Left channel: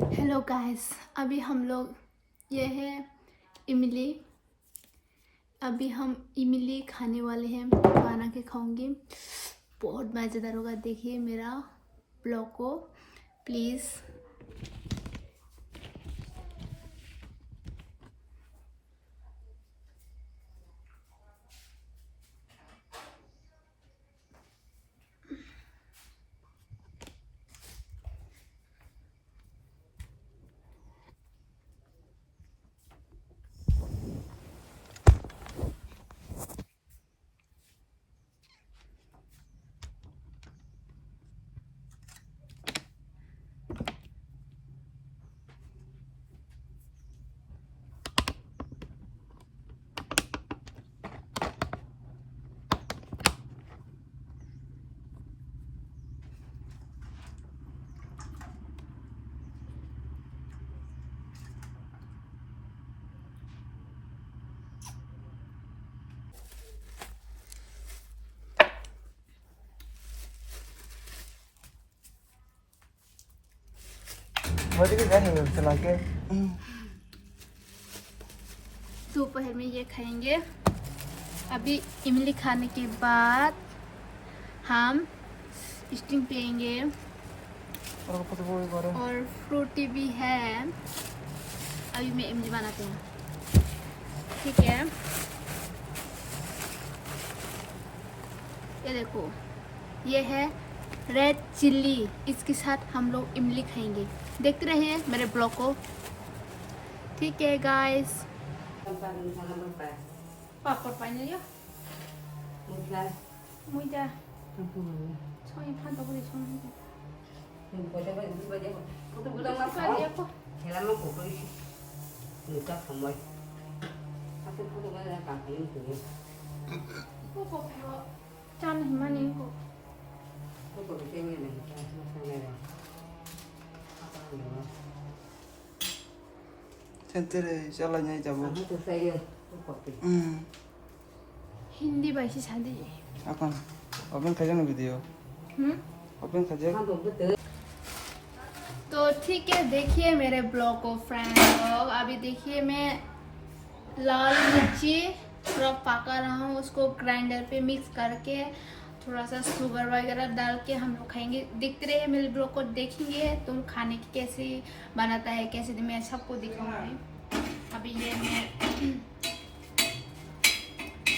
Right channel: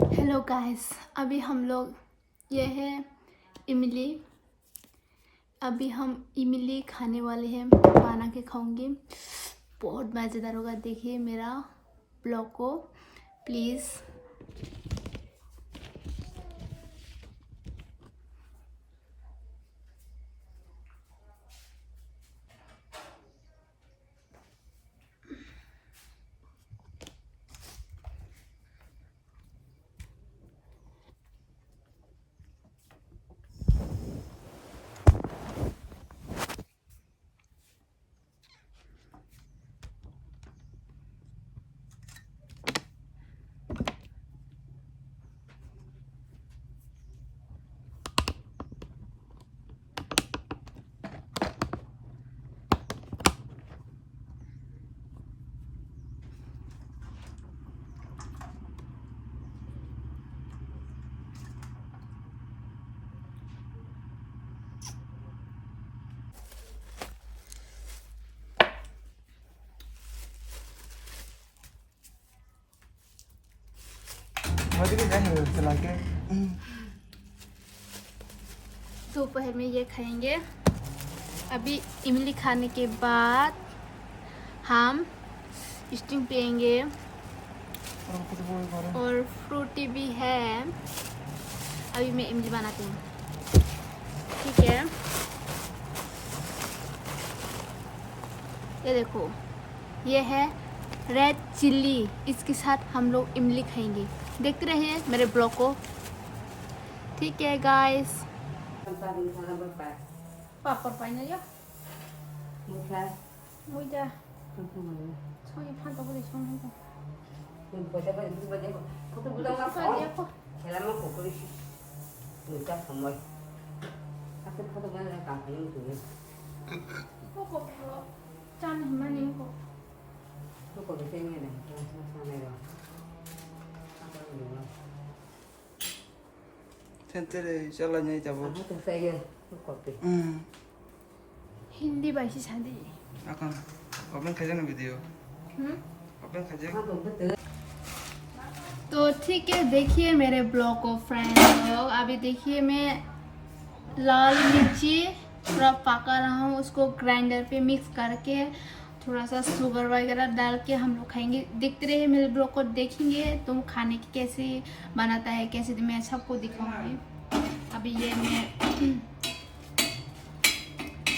Hello guys, अभी हम लोग ये है इमली। अभी हम इमली खाने वाले हैं, बना के खाऊंगी। बहुत मज़ेदार होगा। देखिए मेरा ब्लॉग को प्लीज़। मुझे भी देना चला के। दोपहर में ये खाएंगे। अभी इमली खाने के बाद हम स्टिंग पियेंगे और फ्रूटी भी है। अभी मैं इमली बनाती हूँ, ठीक है। ये देखो, ये है रेड चिल्ली। इसके साथ हम लोग इमली खाएंगे। देखते रहिए मेरे ब्लॉग को, ठीक है गाइस। पापड़ पाइने या मुझे सोई फान तो बोले सोई चान हिमानी को तेरे चला नहीं जाबो। हिंदी भाषी शादी अकन ओपन कर ना वीडियो। ओपन कर जा। तो ठीक है, देखिए मेरे ब्लॉग को फ्रेंड लोग। अभी देखिए मैं लाल मिर्ची थोड़ा पका रहा हूँ, उसको ग्राइंडर पे मिक्स करके थोड़ा सा शुगर वगैरह डाल के हम लोग खाएंगे। देखते रहिए मेरे ब्लॉग को, देखेंगे तुम खाने की कैसे बनाता है, कैसे मैं सबको दिखाऊंगी। अभी ये मैं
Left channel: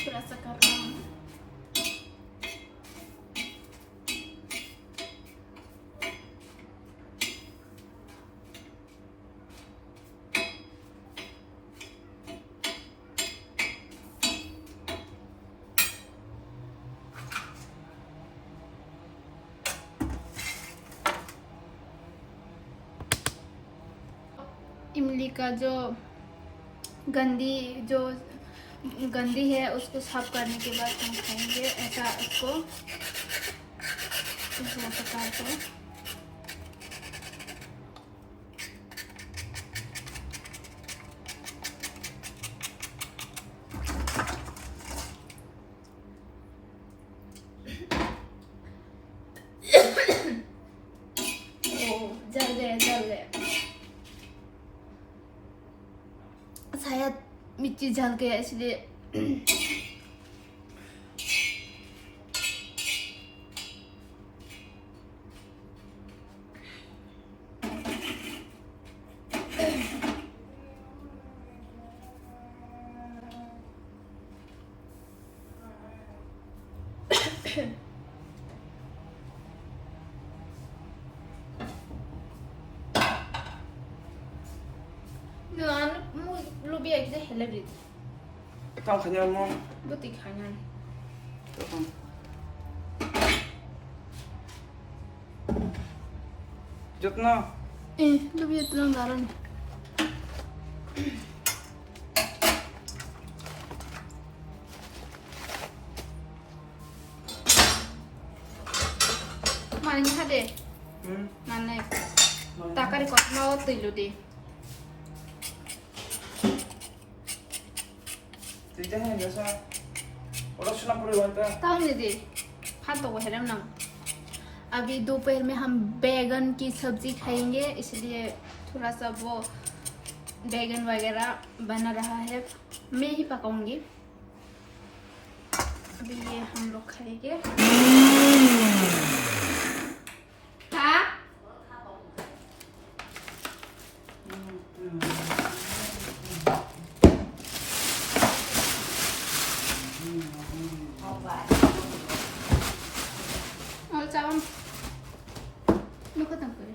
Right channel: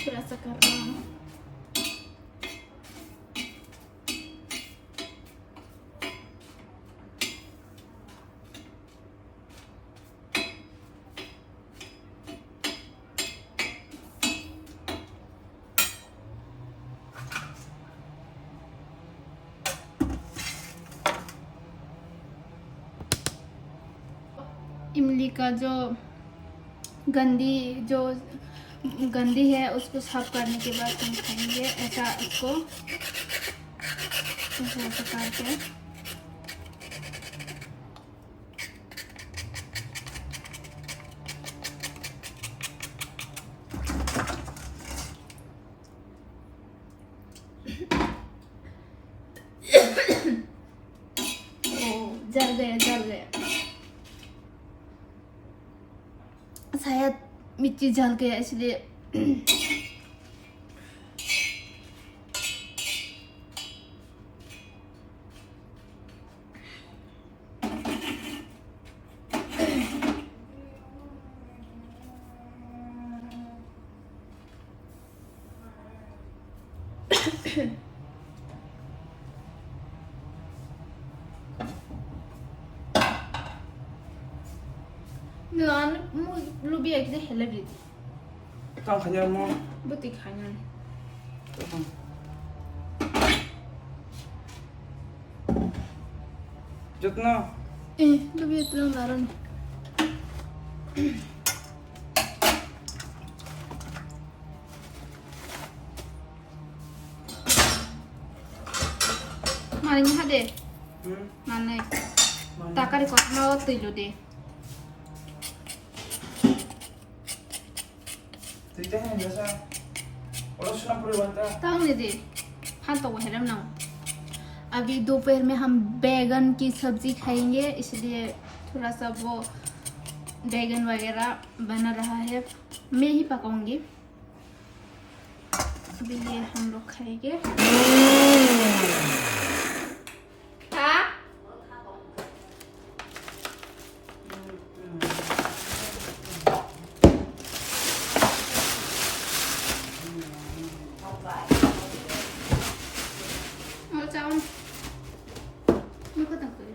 थोड़ा सा कर रहा हूँ। इमली का जो गंदी है उसको साफ करने के बाद हम खाएंगे। ऐसा उसको ऐसा पका के जल गया। शायद मिर्ची जल गया इसलिए। Ngon, lu biar kita helak gitu. Tao khanya mo. Butik hanyan. जितना Lu biar tenang garan. Maling hade. Mana itu? Takari kok mau tilu deh. Tidak hanya biasa. Orang senang perlu antara. Tahu nih deh. Han tahu helak nang. अभी दोपहर में हम बैगन की सब्जी खाएंगे, इसलिए थोड़ा सा वो बैगन वगैरह बना रहा है, मैं ही पकाऊंगी। अभी ये हम लोग खाएंगे। हाँ? और चावल मैं खत्म कर।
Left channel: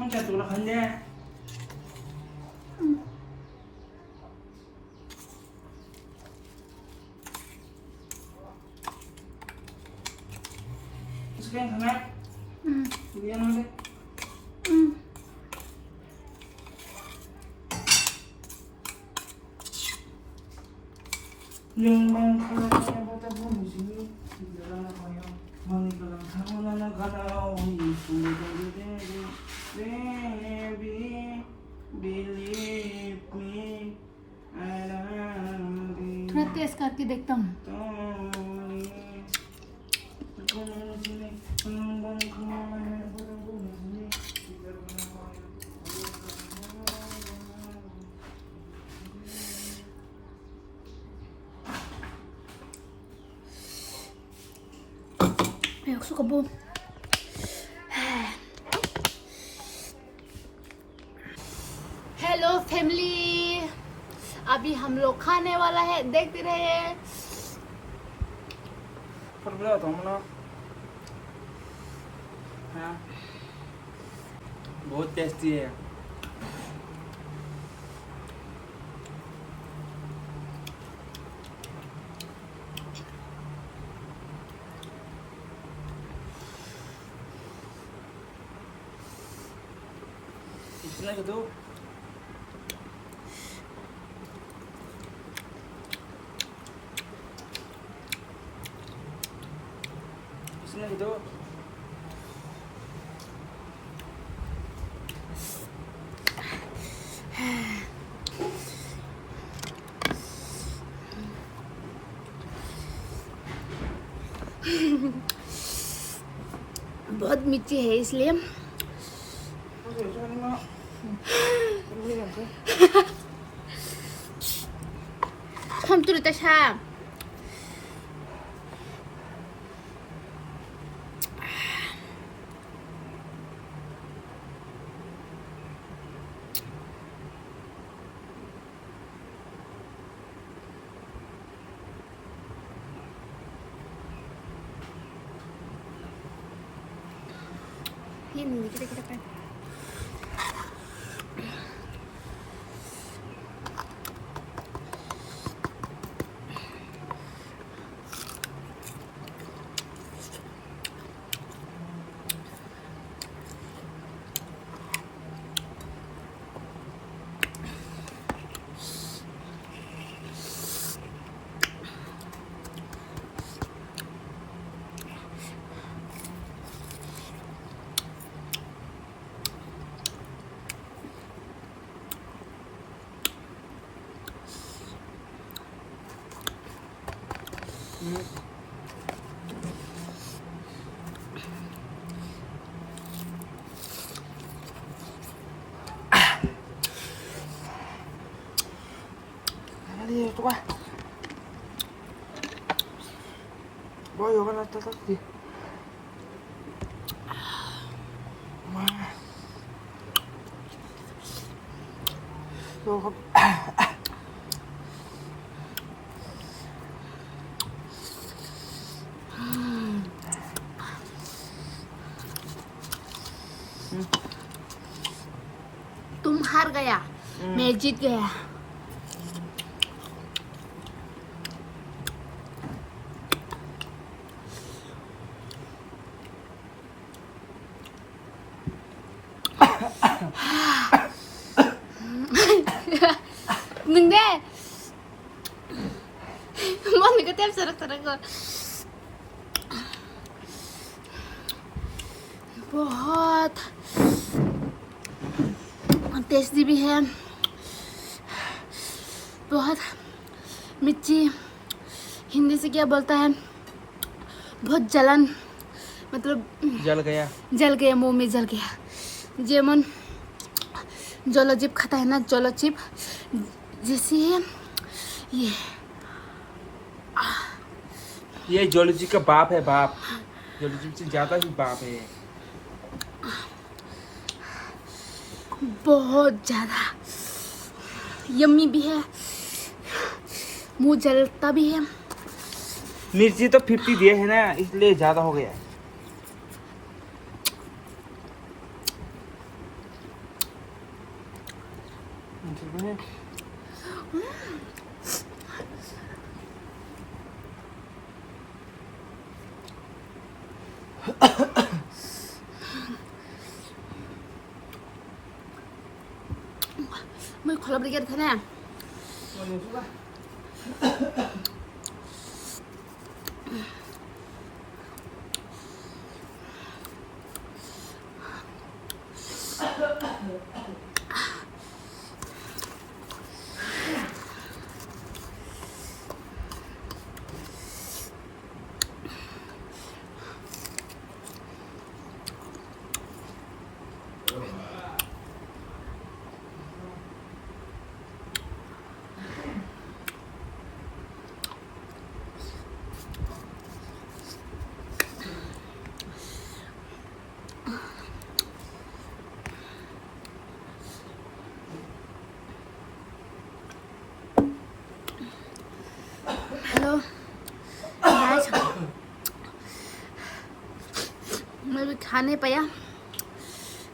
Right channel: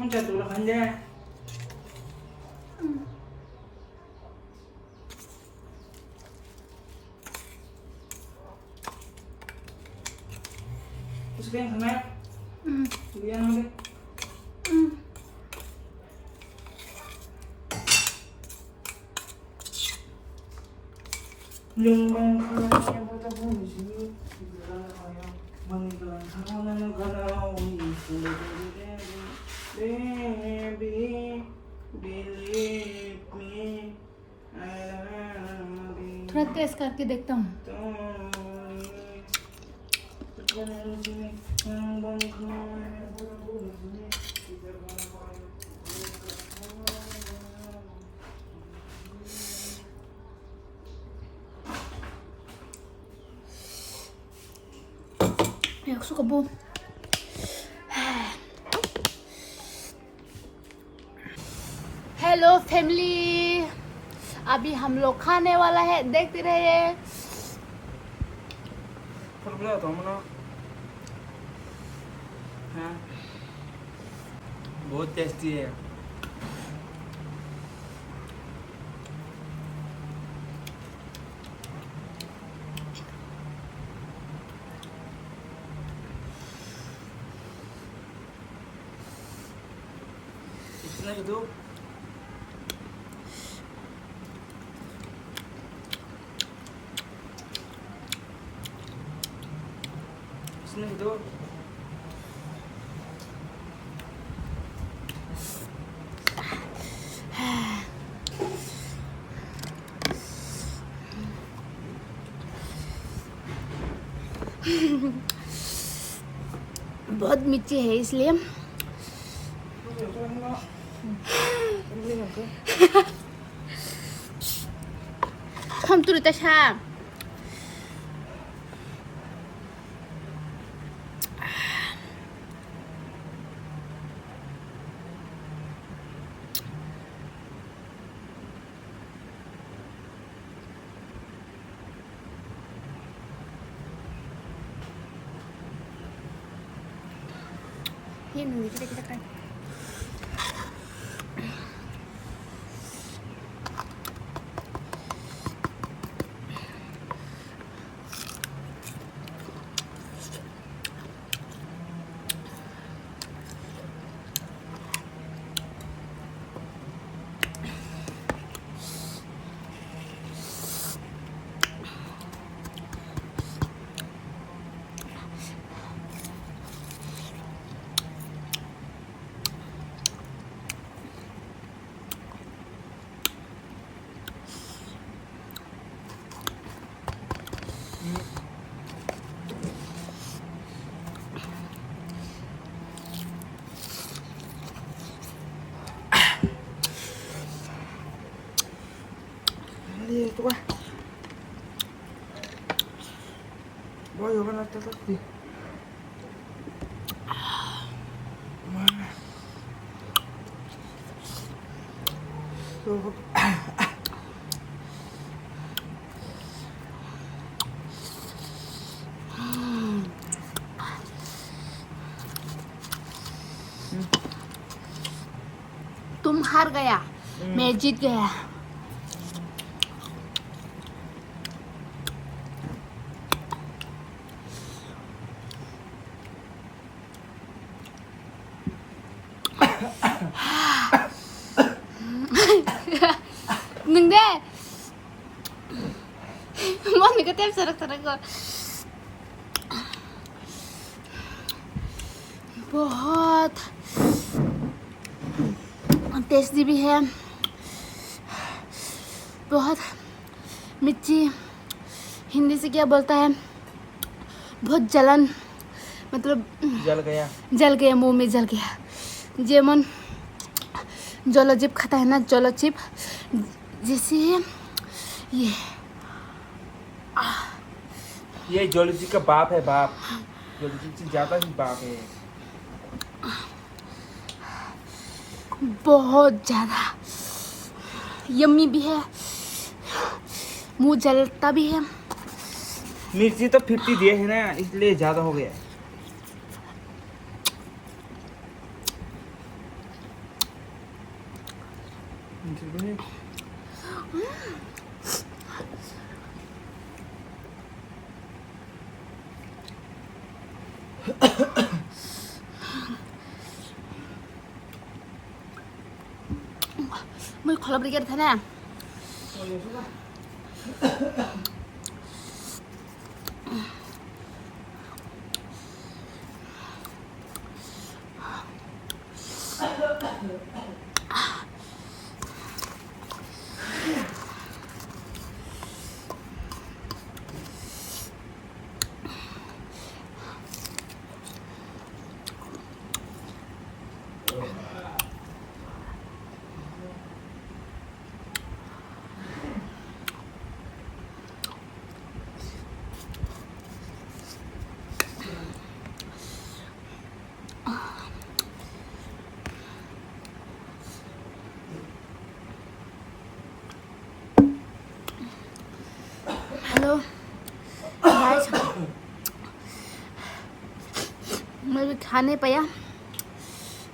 Macam tu lah kan dia. Terus kan kemana? Kemudian apa? Yang bang yang bertabung di sini dibilang apa ya? Mangga kalau itu baby believe me I love you. थोड़ा टेस्ट करके देखता हूँ। मैं suka bu. हेलो फैमिली, अभी हम लोग खाने वाला है, देखते रहिए। पर बोला तो हमने हाँ बहुत टेस्टी है। इतना के दो इसमें के दो बहुत मिर्ची है इसलिए हम तुरंत अच्छा ini kita kan itu bah boy kan ada tadi तुम हार गया, मैं जीत गया। Nungde. Mau nih ketep serak-serak kok. बहुत टेस्टी भी है, बहुत मिर्ची, हिंदी से क्या बोलता है, बहुत जलन, मतलब जल गया मुंह में जल गया। जेमन जोलोचिप खाता है ना, जोलोचिप जैसे है ये जोलॉजी का बाप है, बाप। जोलॉजी से ज्यादा ही बाप है। बहुत ज्यादा यम्मी भी है, मुंह जलता भी है। मिर्ची तो 50 दिए है ना, इसलिए ज्यादा हो गया। मैं खोला ब्रिगेड था ना, हेलो गाइस, मैं भी खा नहीं पाया,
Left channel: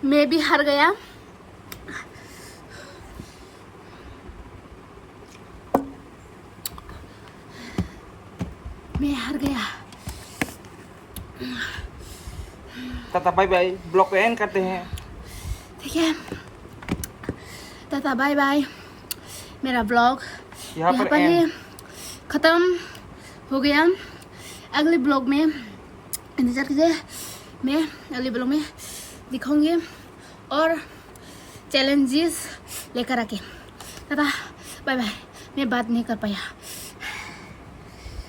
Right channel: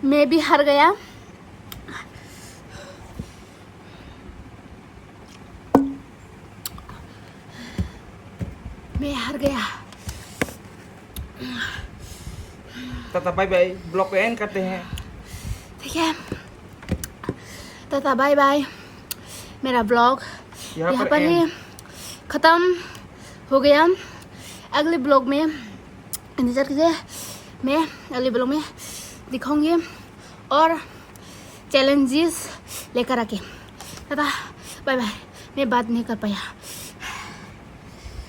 मैं भी हार गया। मैं हार गया। टाटा बाय बाय, ब्लॉग पे एंड करते हैं। ठीक है, टाटा बाय बाय। मेरा ब्लॉग यहाँ पर ही ख़त्म हो गया। अगले ब्लॉग में इंतज़ार कीजिए, मैं अगले ब्लॉग में दिखाऊंगी और चैलेंजेस लेकर आके। Tata bye bye. मैं बात नहीं कर पाया।